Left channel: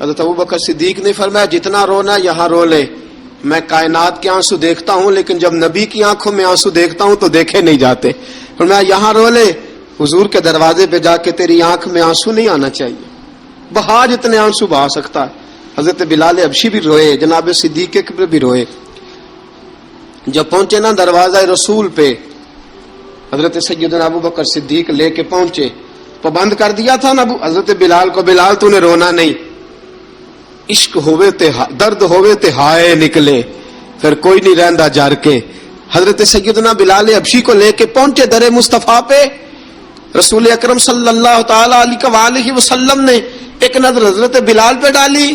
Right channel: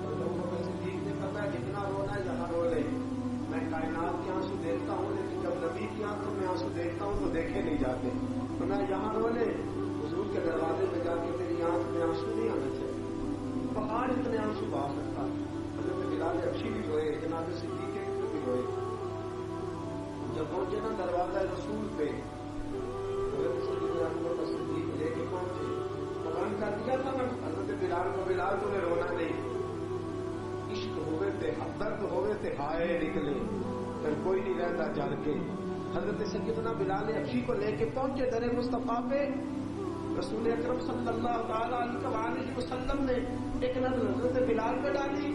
حضرت ابوبکر صدیق نے فرمایا جتنا رونا یہاں رو لے، میں کائنات کے آنسو دیکھتا ہوں لیکن جب نبی کی آنکھوں میں آنسو دیکھتا ہوں تو دیکھے نہیں جاتے. فرمایا یہاں رو لے، حضور کے دروازے پہ جا کے تیری آنکھ میں آنسو نہیں آنا چاہیے، بہا جتنے آنسو بہا سکتا ہے. حضرت بلال حبشی بھی روئے، جناب صدیق اکبر بھی روئے. جب پہنچے نا دروازہ رسول پہ، حضرت سیدنا ابوبکر صدیق لے کے پہنچے، پابند کر دیا تھا نا حضرت بلال کو، بلال تو نے رونا نہیں، عشق ہوئے تے درد ہوئے تے ہائے نکلے، پھر کوئی نہیں رہندا جار کے. حضرت سیدنا بلال حبشی کو لے کے پہنچے در مصطفیٰ پہ. رسول اکرم صلی اللہ تعالی علیہ وسلم نے ایک نظر حضرت بلال پہ ڈالی.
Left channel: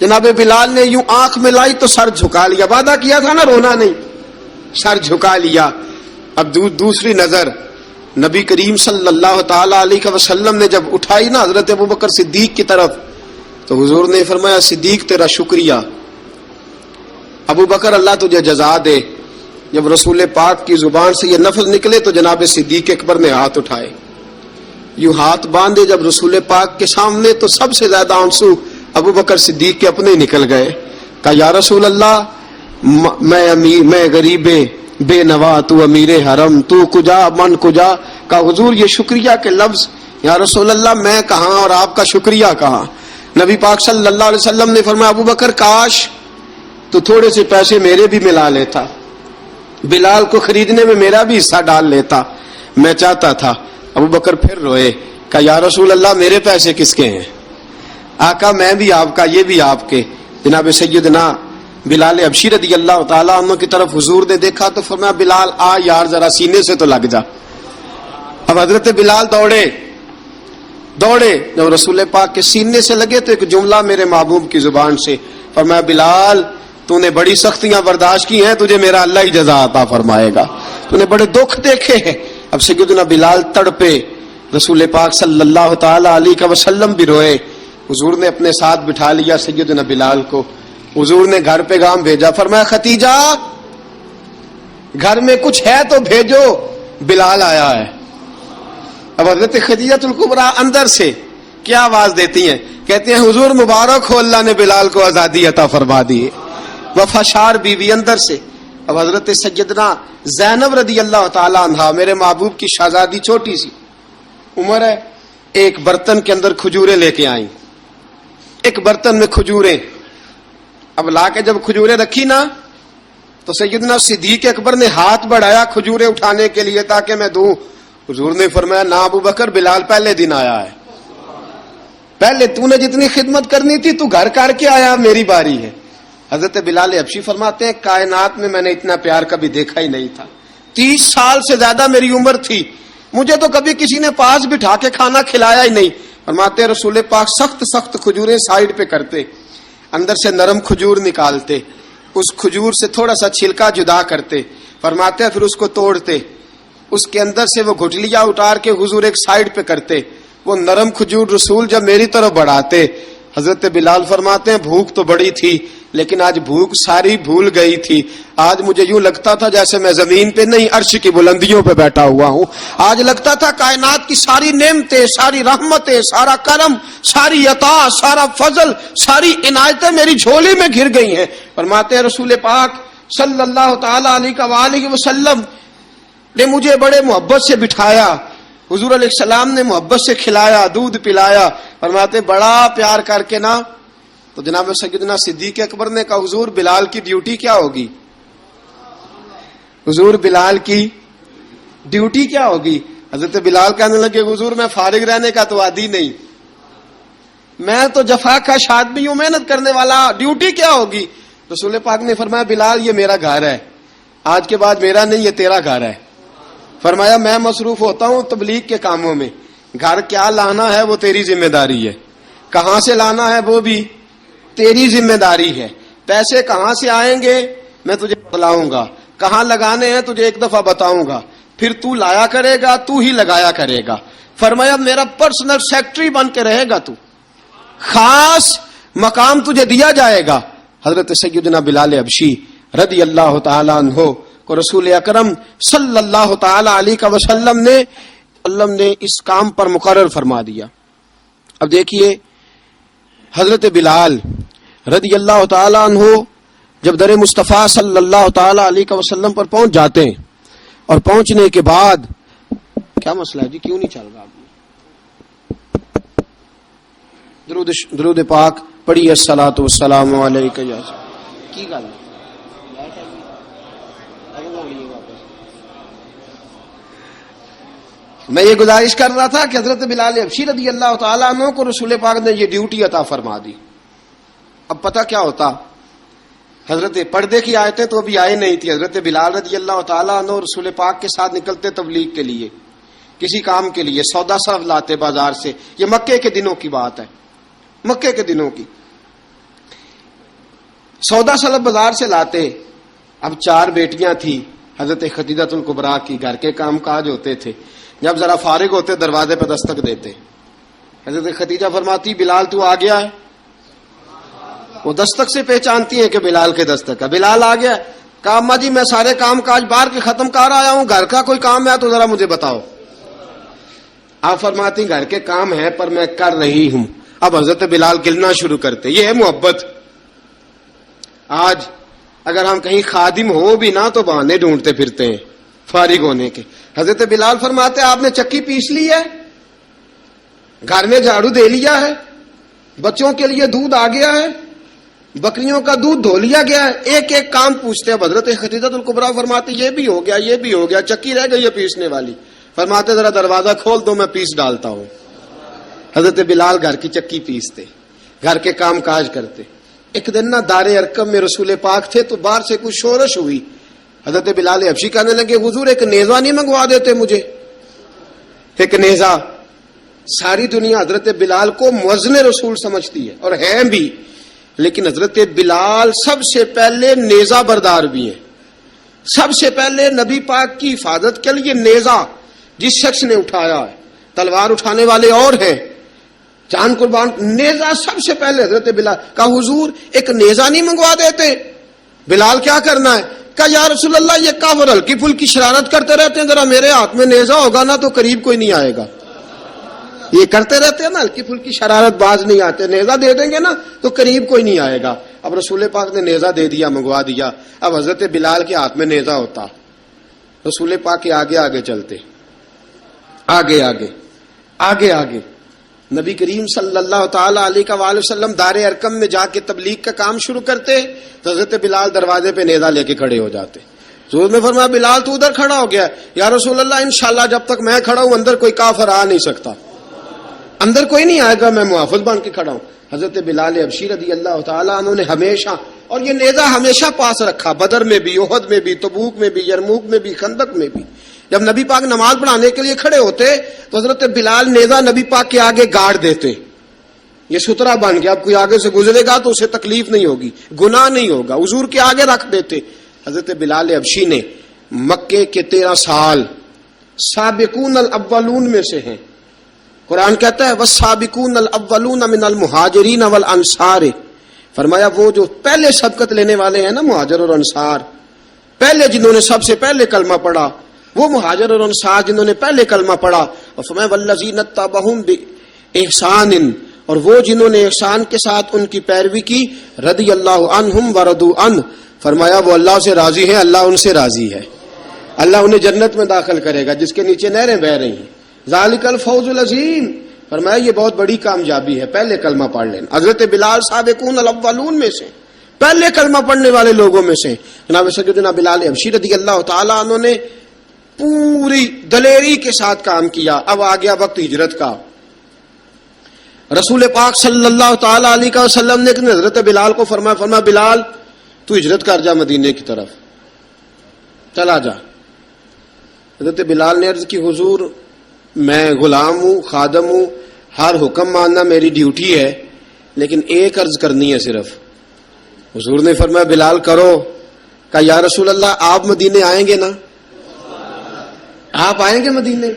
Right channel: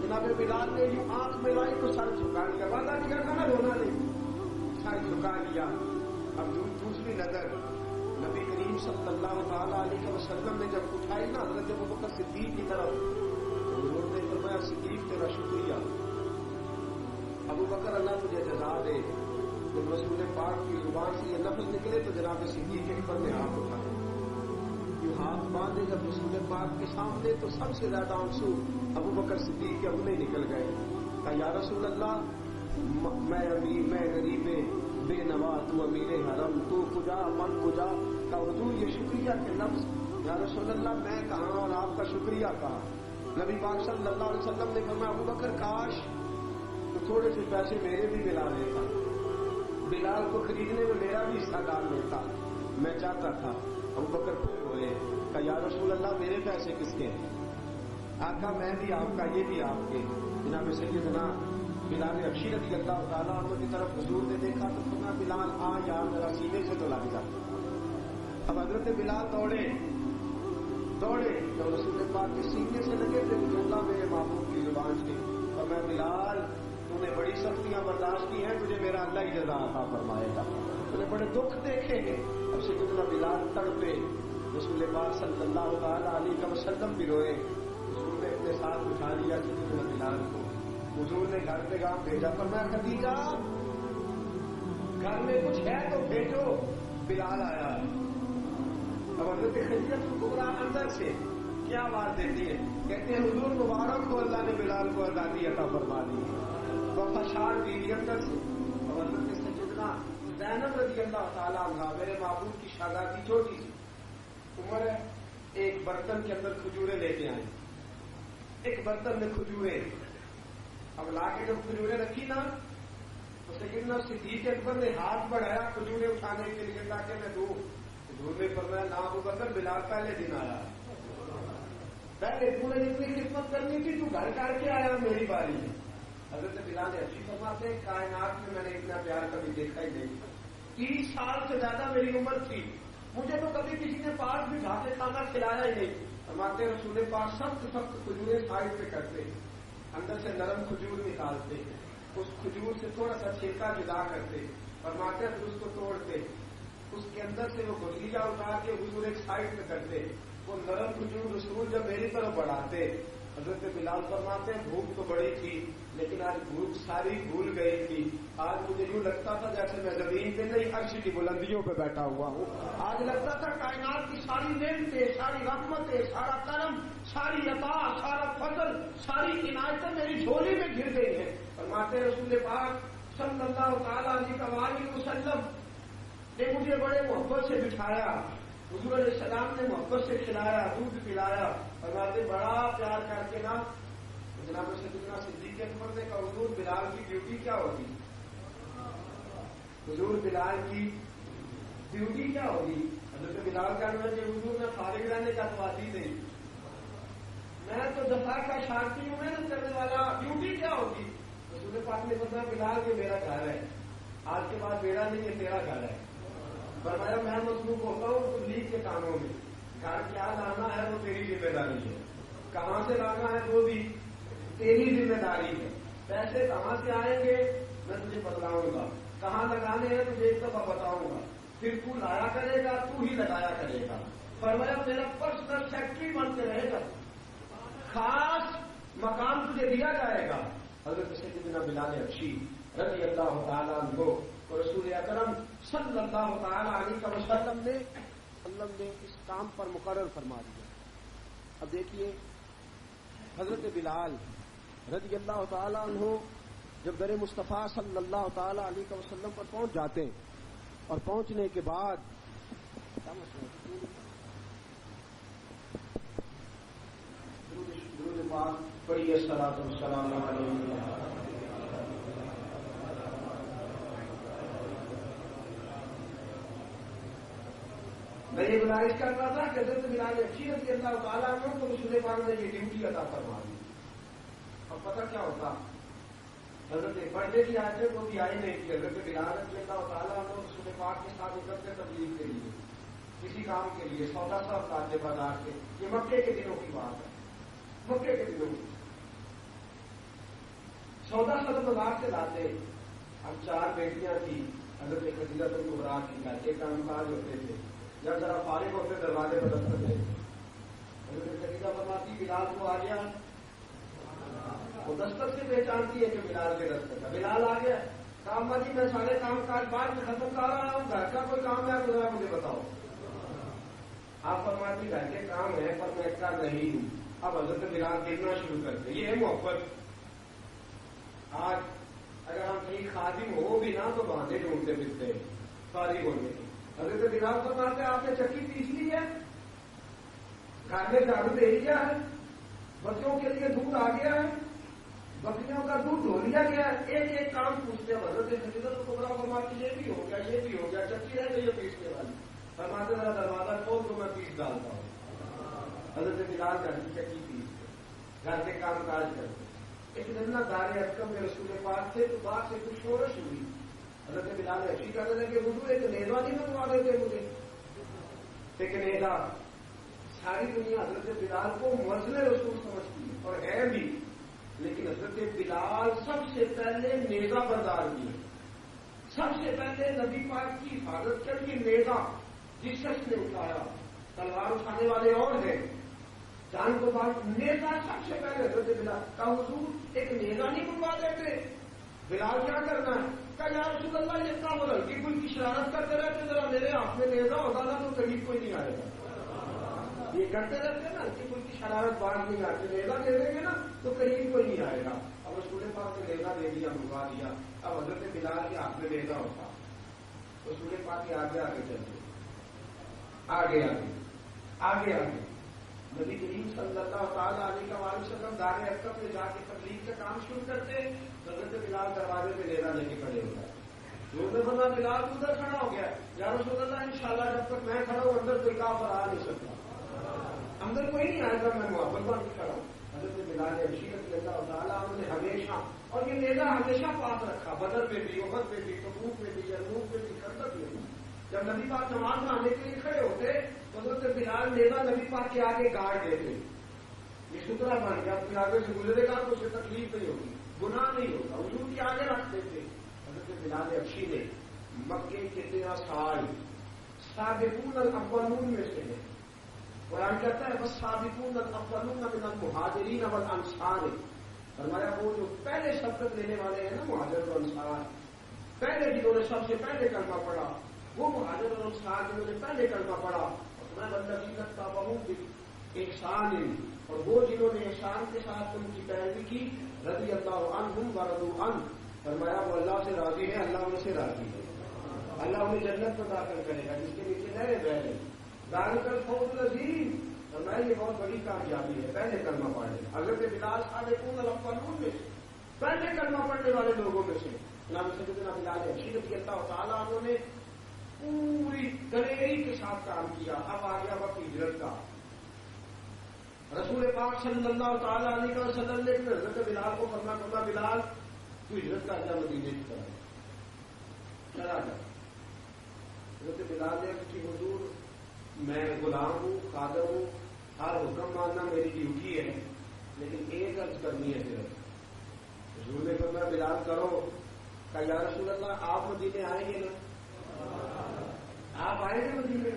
جناب بلال نے یوں آنکھ ملائی تو سر جھکا لیا، وعدہ کیا تھا نا رونا نہیں، سر جھکا لیا. اب دوسری نظر نبی کریم صلی اللہ تعالی علیہ وسلم نے جب اٹھائی نا حضرت ابوبکر صدیق کی طرف، تو حضور نے فرمایا صدیق تیرا شکریہ، ابوبکر اللہ تجھے جزا دے. جب رسول پاک کی زبان سے یہ لفظ نکلے تو جناب صدیق اکبر نے ہاتھ اٹھائے، یوں ہاتھ باندھے جب رسول پاک کے سامنے، تو سب سے زیادہ آنسو ابوبکر صدیق کے اپنے نکل گئے. کہا یا رسول اللہ میں غریب بے نوا، تو امیر حرم، تو کجا من کجا. کہا حضور یہ شکریہ کے لفظ، یا رسول اللہ میں کہاں اور آپ کا شکریہ کہاں. نبی پاک صلی اللہ علیہ وسلم نے فرمایا ابوبکر کاش تو تھوڑے سے پیسے میرے بھی ملا لیتا، بلال کو خریدنے میں میرا بھی حصہ ڈال لیتا، میں چاہتا تھا. ابوبکر پھر روئے. کہا یا رسول اللہ میرے پیسے کس کے ہیں؟ آقا میں بھی آپ کا، یہ بھی آپ کے. جناب سیدنا بلال حبشی رضی اللہ تعالیٰ عنہ کی طرف حضور نے دیکھا تو فرمایا بلال آ یار ذرا سینے سے تو لگ جا. اب حضرت بلال دوڑے، جب رسول پاک کے سینے سے لگے تو ایک جملہ میرے محبوب کی زبان سے، فرمایا بلال تو نے بڑی سختیاں برداشت کی ہیں، تجھے میرا اللہ ہی جزا عطا فرمائے گا، تو نے بڑے دکھ دیکھے ہیں. اب سیدنا بلال تڑپے، رسول پاک صلی اللہ تعالی علیہ وسلم بھی روئے. حضور نے اپنے ساتھ بٹھا لیا سیدنا بلال کو. حضور نے گھر پیغام بھیجا، فرمایا ختیجہ گھر میں کچھ ہے تو بھیجو، بلال آیا ہے. اب حضرت خدیجہ الکبریٰ اندر سے کیا آواز دیتی ہیں؟ کہتے ہیں حضور مبارک ہو، اللہ نے بلال کو آزادی عطا فرما دی. وفاشار بیوی اندر سے. اب حضرت سیدنا زینب رضی اللہ تعالی عنہا، میرے محبوب کی شہزادی، چھوٹی سی عمر ہے، ایک برتن کے اندر کھجوریں لے کے آئیں، ایک برتن میں کھجوریں. اب لا کے جب کھجوریں رکھی نا تو سیدنا صدیق اکبر نے ہاتھ بڑھایا کھجوریں اٹھانے کے لیے تاکہ میں دوں. حضور نے فرمایا نا ابوبکر، بلال پہلے دن آیا ہے، پہلے تو نے جتنی خدمت کرنی تھی تو گھر کر کے آیا، میری باری ہے. حضرت بلال حبشی فرماتے ہیں کائنات میں نے اتنا پیار کبھی دیکھا ہی نہیں تھا. 30 سال سے زیادہ میری عمر تھی، مجھے تو کبھی کسی نے پاس بٹھا کے کھانا کھلایا ہی نہیں. فرماتے ہیں رسول پاک سخت کھجوریں سائیڈ پہ کرتے، اندر سے نرم کھجور نکالتے، اس کھجور سے تھوڑا سا چھلکا جدا کرتے. فرماتے ہیں پھر اس کو توڑتے، اس کے اندر سے وہ گھٹلیاں اتار کے حضور ایک سائیڈ پہ کرتے. وہ نرم کھجور رسول جب میری طرف بڑھاتے، حضرت بلال فرماتے ہیں بھوک تو بڑی تھی لیکن آج بھوک ساری بھول گئی تھی. آج مجھے یوں لگتا تھا جیسے میں زمین پہ نہیں عرش کی بلندیوں پہ بیٹھا ہوا ہوں. آج لگتا تھا کائنات کی ساری نعمتیں، ساری رحمتیں، سارا کرم، ساری عطا، سارا فضل، ساری عنایتیں میری جھولی میں گر گئی ہیں. فرماتے ہیں رسول پاک صلی اللہ تعالی علیہ وسلم نے مجھے بڑے محبت سے بٹھایا، حضور علیہ السلام نے محبت سے کھلایا، دودھ پلایا. فرماتے بڑا پیار کر کے نا، تو جناب سیدنا صدیق اکبر نے کہا حضور بلال کی ڈیوٹی کیا ہوگی؟ حضور بلال کی ڈیوٹی کیا ہوگی؟ حضرت بلال کہنے لگے حضور میں فارغ رہنے کا تو عادی نہیں، میں تو جفا کا آدمی ہوں، محنت کرنے والا، ڈیوٹی کیا ہوگی؟ رسول پاک نے فرمایا بلال یہ میرا گھر ہے، آج کے بعد میرا نہیں یہ تیرا گھر ہے. فرمایا میں مصروف ہوتا ہوں تبلیغ کے کاموں میں، گھر کیا لانا ہے وہ تیری ذمہ داری ہے، کہاں سے لانا ہے وہ بھی تیری ذمہ داری ہے، پیسے کہاں سے آئیں گے میں تجھے بتلاؤں گا، کہاں لگانے ہیں تجھے ایک دفعہ بتاؤں گا، پھر تو لایا کرے گا، تو ہی لگایا کرے گا. فرمایا میرا پرسنل سیکٹری بن کے رہے گا، تو خاص مقام تجھے دیا جائے گا. حضرت سیدنا بلال حبشی رضی اللہ تعالی عنہ کو رسول اکرم صلی اللہ تعالی علیہ وسلم نے اس کام پر مقرر فرما دیا. اب دیکھیے حضرت بلال رضی اللہ تعالیٰ عنہ جب در مصطفیٰ صلی اللہ تعالیٰ علیہ وسلم پر پہنچ جاتے ہیں اور پہنچنے کے بعد کیا مسئلہ ہے جی کیوں نہیں چل رہا درود پاک پڑھیے الصلاۃ والسلام علیک یا کی گل میں یہ گزارش کر رہا تھا کہ حضرت بلال حبشی رضی اللہ تعالیٰ عنہ کو رسول پاک نے یہ ڈیوٹی عطا فرما دی. اب پتہ کیا ہوتا, حضرت پردے کی آیتیں تو ابھی آئے نہیں تھی. حضرت بلال رضی اللہ تعالیٰ عنہ رسول پاک کے ساتھ نکلتے تبلیغ کے لیے, کسی کام کے لیے, سودا صرف لاتے بازار سے. یہ مکے کے دنوں کی بات ہے, مکے کے دنوں کی. سودا صرف بازار سے لاتے. اب 4 بیٹیاں تھیں حضرت خدیجہ الکبریٰ کی, گھر کے کام کاج ہوتے تھے. جب ذرا فارغ ہوتے دروازے پہ دستک دیتے. حضرت خدیجہ فرماتی بلال تو آ گیا ہے. وہ دستک سے پہچانتی ہیں کہ بلال کے دستک ہے. بلال آ گیا. کہا اماں جی میں سارے کام کاج باہر کے ختم کر آیا ہوں, گھر کا کوئی کام ہے تو ذرا مجھے بتاؤ. آپ فرماتی گھر کے کام ہے پر میں کر رہی ہوں. اب حضرت بلال گلنا شروع کرتے. یہ ہے محبت. آج اگر ہم کہیں خادم ہو بھی نہ تو بہانے ڈھونڈتے پھرتے ہیں فارغ ہونے کے. حضرت بلال فرماتے آپ نے چکی پیس لی ہے, گھر میں جھاڑو دے لیا ہے, بچوں کے لیے دودھ آ گیا ہے, بکریوں کا دودھ دھو لیا گیا ہے. ایک ایک کام پوچھتے. اب حضرت خدیجہ الکبریٰ فرماتی یہ بھی ہو گیا, یہ بھی ہو گیا, چکی رہ گئی ہے پیسنے والی. فرماتے ذرا دروازہ کھول دو میں پیس ڈالتا ہوں. حضرت بلال گھر کی چکی پیستے, گھر کے کام کاج کرتے. ایک دن نہ دار ارقم میں رسول پاک تھے تو باہر سے کچھ شورش ہوئی. حضرت بلال حبشی کہنے لگے حضور ایک نیزہ نہیں منگوا دیتے مجھے, ایک نیزہ. ساری دنیا حضرت بلال کو مؤذن رسول سمجھتی ہے اور ہیں بھی, لیکن حضرت بلال سب سے پہلے نیزہ بردار بھی ہیں. سب سے پہلے نبی پاک کی حفاظت کے لیے نیزہ جس شخص نے اٹھایا ہے, تلوار اٹھانے والے اور ہیں, جان قربان, نیزہ سب سے پہلے حضرت بلال. کہا حضور ایک نیزہ نہیں منگوا دیتے. بلال کیا کرنا ہے؟ کہا یا رسول اللہ یہ کافر ہلکی پھلکی شرارت کرتے رہتے ہیں, ذرا میرے ہاتھ میں نیزہ ہوگا نا تو قریب کوئی نہیں آئے گا. یہ کرتے رہتے ہیں نا ہلکی پھلکی شرارت, باز نہیں آتے. نیزہ دے دیں گے نا تو قریب کوئی نہیں آئے گا. اب رسول پاک نے نیزہ دے دیا, منگوا دیا. اب حضرت بلال کے ہاتھ میں نیزہ ہوتا, رسول پاک کے آگے آگے چلتے, آگے آگے آگے آگے. نبی کریم صلی اللہ تعالی علیہ وآلہ وسلم دار ارقم میں جا کے تبلیغ کا کام شروع کرتے تو حضرت بلال دروازے پہ نیزہ لے کے کھڑے ہو جاتے. حضور نے فرمایا بلال تو ادھر کھڑا ہو گیا. یا رسول اللہ انشاءاللہ جب تک میں کھڑا ہوں اندر کوئی کافر آ نہیں سکتا, اندر کوئی نہیں آئے گا, میں محافظ بن کے کھڑا ہوں. حضرت بلال حبشی رضی اللہ تعالیٰ عنہ نے ہمیشہ, اور یہ نیزہ ہمیشہ پاس رکھا, بدر میں بھی, احد میں بھی, تبوک میں بھی, یرموک میں بھی, خندق میں بھی. جب نبی پاک نماز پڑھانے کے لیے کھڑے ہوتے تو حضرت بلال نیزہ نبی پاک کے آگے گاڑ دیتے. یہ سترا بن گیا, اب کوئی آگے سے گزرے گا تو اسے تکلیف نہیں ہوگی, گناہ نہیں ہوگا, حضور کے آگے رکھ دیتے. حضرت بلال حبشی نے مکے کے 13 سال سابقون الاولون میں سے ہیں. قرآن کہتا ہے والسابقون الاولون من المہاجرین والانصار. فرمایا وہ جو پہلے سبقت لینے والے ہیں نا مہاجر اور انصار, پہلے جنہوں نے سب سے پہلے کلمہ پڑھا, وہ مہاجر اور انصار جنہوں نے پہلے کلمہ پڑھا. اور فرمایا والذین اتبعوہم باحسان, اور وہ جنہوں نے احسان کے ساتھ ان کی پیروی کی, رضی اللہ عنہم ورضوا عنہ. فرمایا وہ اللہ سے راضی ہیں, اللہ ان سے راضی ہے. اللہ انہیں جنت میں داخل کرے گا جس کے نیچے نہریں بہ رہی ہیں. ذالک الفوز العظیم. فرمایا یہ بہت بڑی کامیابی ہے پہلے کلمہ پڑھ لینا. حضرت بلال سابقون الاولون میں سے, پہلے کلمہ پڑھنے والے لوگوں میں سے. جناب سیدنا بلال حبشی رضی اللہ تعالیٰ عنہ نے پوری دلیری کے ساتھ کام کیا. اب آ گیا وقت ہجرت کا. رسول پاک صلی اللہ تعالی علیہ وسلم نے حضرت بلال کو فرمایا بلال تو ہجرت کر جا مدینے کی طرف, چلا جا. حضرت بلال نے عرض کی حضور میں غلام ہوں, خادم ہوں, ہر حکم ماننا میری ڈیوٹی ہے, لیکن ایک عرض کرنی ہے صرف. حضور نے فرمایا بلال کرو. کہا یا رسول اللہ آپ مدینے آئیں گے نا, آپ آئیں گے مدینے؟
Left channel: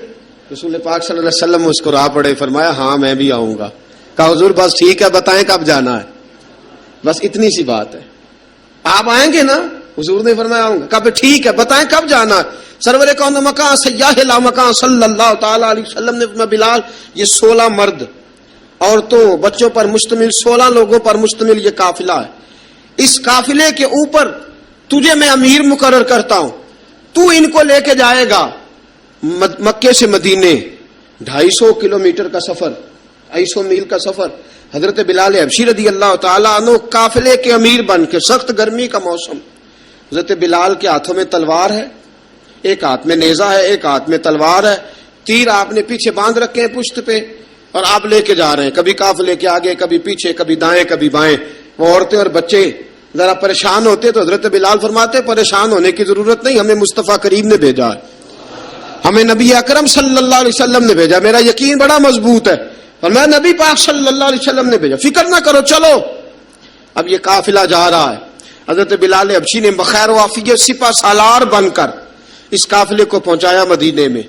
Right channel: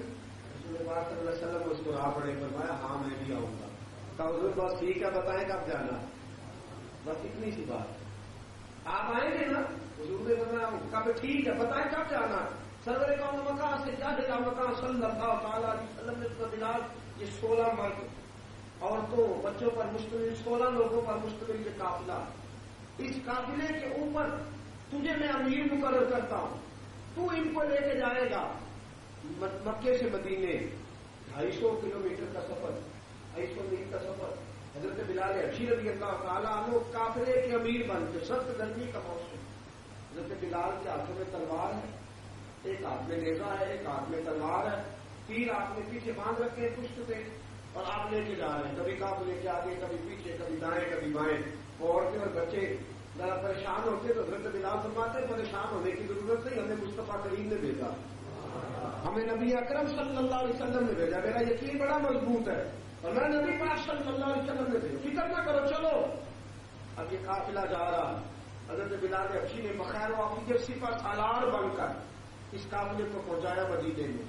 رسول پاک صلی اللہ علیہ وسلم مسکرا پڑے, فرمایا ہاں میں بھی آؤں گا. کہا حضور بس ٹھیک ہے, بتائیں کب جانا ہے, بس اتنی سی بات ہے. آپ آئیں گے نا؟ حضور نے فرمایا آؤں گا. کہا پھر ٹھیک ہے, بتائیں کب جانا ہے. سرور کون مکان سیاح لا مکان صلی اللہ تعالی علیہ وسلم نے فرمایا بلال یہ 16 مرد عورتوں بچوں پر مشتمل 16 لوگوں پر مشتمل یہ قافلہ ہے. اس قافلے کے اوپر تجھے میں امیر مقرر کرتا ہوں، تو ان کو لے کے جائے گا مکے سے مدینے، 250 کلومیٹر کا سفر، 250 میل کا سفر. حضرت بلال حبشی رضی اللہ تعالیٰ عنہ قافلے کے امیر بن کے، سخت گرمی کا موسم، حضرت بلال کے ہاتھوں میں تلوار ہے، ایک ہاتھ میں نیزہ ہے، ایک ہاتھ میں تلوار ہے، تیر آپ نے پیچھے باندھ رکھے ہیں پشت پہ، اور آپ لے کے جا رہے ہیں، کبھی قافلے کے آگے، کبھی پیچھے، کبھی دائیں کبھی بائیں. وہ عورتیں اور بچے ذرا پریشان ہوتے تو حضرت بلال فرماتے پریشان ہونے کی ضرورت نہیں، ہمیں مصطفیٰ کریم نے بھیجا ہے، ہمیں نبی اکرم صلی اللہ علیہ وسلم نے بھیجا. میرا یقین بڑا مضبوط ہے اور میں نبی پاک صلی اللہ علیہ وسلم نے بھیجا، فکر نہ کرو، چلو. اب یہ قافلہ جا رہا ہے، حضرت بلال حبشی نے بخیر و عافیت سپہ سالار بن کر اس قافلے کو پہنچایا مدینے میں.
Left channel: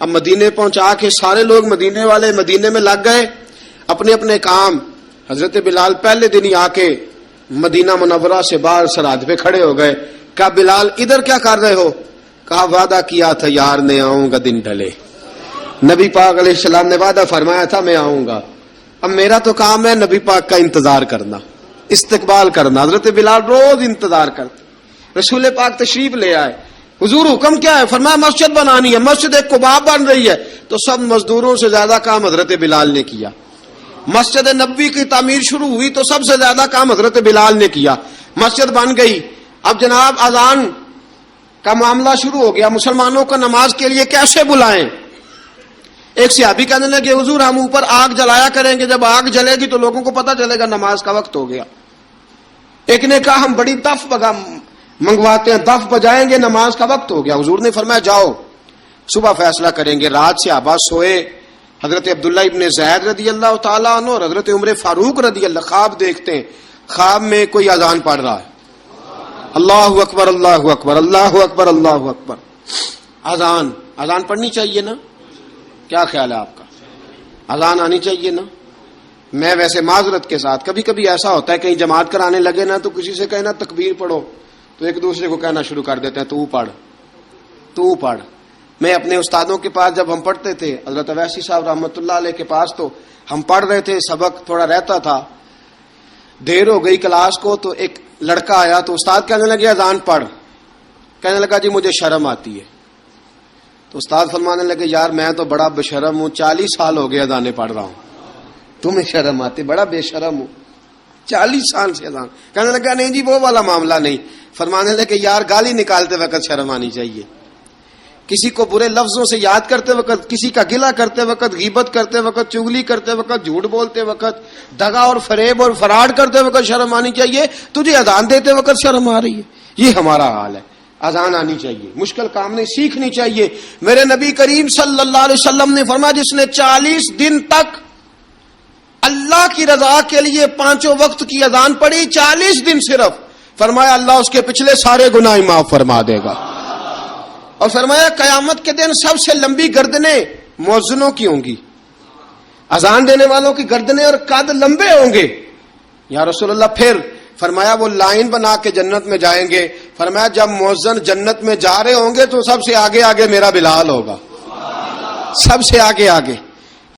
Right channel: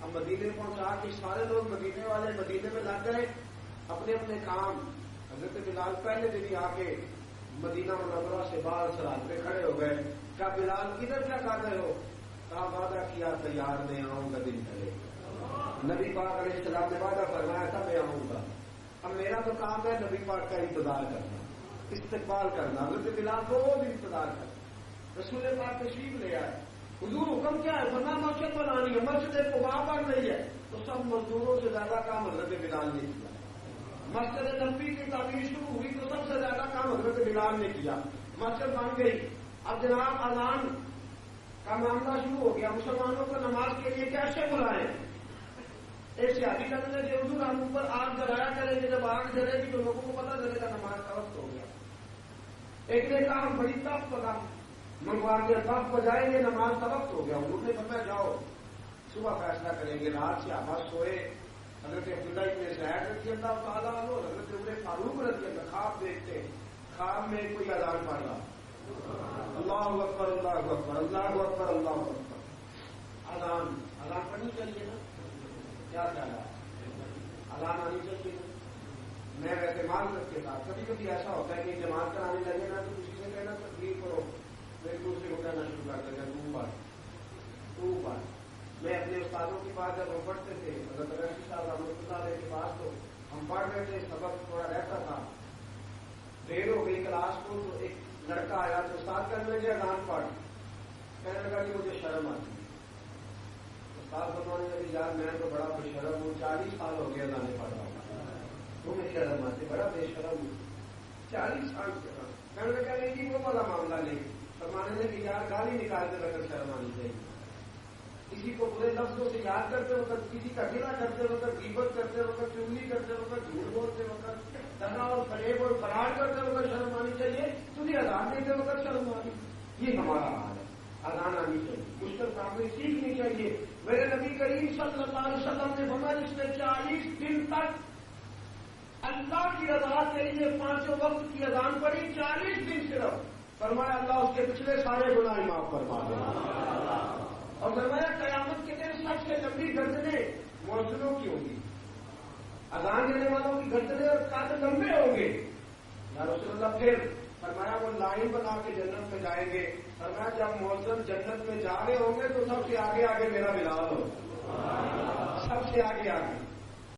اب مدینے پہنچا کے سارے لوگ مدینے والے مدینے میں لگ گئے اپنے اپنے کام. حضرت بلال پہلے دن ہی آ کے مدینہ منورہ سے باہر سرحد پہ کھڑے ہو گئے. کہا بلال ادھر کیا کر رہے ہو؟ کہا وعدہ کیا تھا یار نے آؤں گا دن ڈھلے، نبی پاک علیہ السلام نے وعدہ فرمایا تھا میں آؤں گا، اب میرا تو کام ہے نبی پاک کا انتظار کرنا، استقبال کرنا. حضرت بلال روز انتظار کرتے. رسول پاک تشریف لے آئے، حضور حکم کیا ہے؟ فرمایا مسجد بنانی ہے، مسجد قباء بن رہی ہے. تو سب مزدوروں سے زیادہ کام حضرت بلال نے کیا. مسجد نبوی کی تعمیر شروع ہوئی تو سب سے زیادہ کام حضرت بلال نے کیا. مسجد بن گئی. اب جناب اذان کا معاملہ شروع ہو گیا، مسلمانوں کو نماز کے لیے کیسے بلائیں؟ ایک صحابی کہنے لگے حضور ہم اوپر آگ جلایا کریں گے، جب آگ جلے گی تو لوگوں کو پتہ چلے گا نماز کا وقت ہو گیا. ایک نے کہا ہم بڑی دف منگواتے ہیں، دف بجائیں گے، نماز کا وقت ہو گیا. حضور نے فرمایا جاؤ صبح فیصلہ کریں گے. رات سے صحابہ سوئے. حضرت عبداللہ ابن زید رضی اللہ تعالیٰ عنہ اور حضرت عمر فاروق رضی اللہ خواب دیکھتے ہیں، خواب میں کوئی اذان پڑھ رہا ہے، اللہ اکبر اللہ اکبر اللہ اکبر اللہ اکبر. اذان پڑھنی چاہیے نا؟ کیا خیال ہے آپ کا؟ اذان آنی چاہیے نا؟ میں ویسے معذرت کے ساتھ کبھی کبھی ایسا ہوتا ہے کہیں جماعت کرانے لگے نا تو کسی سے کہنا تکبیر پڑھو تو ایک دوسرے کو کہنا شروع کر دیتے ہیں تو پڑھ. میں اپنے استادوں کے پاس جب ہم پڑھتے تھے، حضرت اویسی صاحب رحمۃ اللہ علیہ کے پاس، تو ہم پڑھ رہے تھے، سبق تھوڑا رہتا تھا، دیر ہو گئی کلاس کو تو ایک لڑکا آیا تو استاد کہنے لگے اذان پڑھ. کہنے لگا جی مجھے شرم آتی ہے. تو استاد فرمانے لگے یار میں تو بڑا بشرم ہوں، 40 سال ہو گئے اذانیں پڑھ رہا ہوں، تمہیں شرم آتی؟ بڑا بے شرم ہوں، 40 سال سے اذان. کہنے لگا نہیں جی وہ والا معاملہ نہیں. فرمانے لگے یار گالی نکالتے وقت شرم آنی چاہیے، کسی کو برے لفظوں سے یاد کرتے وقت، کسی کا گلہ کرتے وقت، غیبت کرتے وقت، چغلی کرتے وقت، جھوٹ بولتے وقت، دغا اور فریب اور فراڈ کرتے وقت شرم آنی چاہیے. تجھے اذان دیتے وقت شرم آ رہی ہے. یہ ہمارا حال ہے. اذان آنی چاہیے، مشکل کام نہیں، سیکھنی چاہیے. میرے نبی کریم صلی اللہ علیہ وسلم نے فرمایا جس نے 40 دن تک اللہ کی رضا کے لیے 5 وقت کی اذان پڑھی، 40 دن صرف، فرمایا اللہ اس کے پچھلے سارے گناہ معاف فرما دے گا. اور فرمایا قیامت کے دن سب سے لمبی گردنیں مؤذنوں کی ہوں گی، اذان دینے والوں کی گردنیں اور قد لمبے ہوں گے. یا رسول اللہ پھر؟ فرمایا وہ لائن بنا کے جنت میں جائیں گے. فرمایا جب مؤذن جنت میں جا رہے ہوں گے تو سب سے آگے آگے میرا بلال ہوگا، سب سے آگے آگے.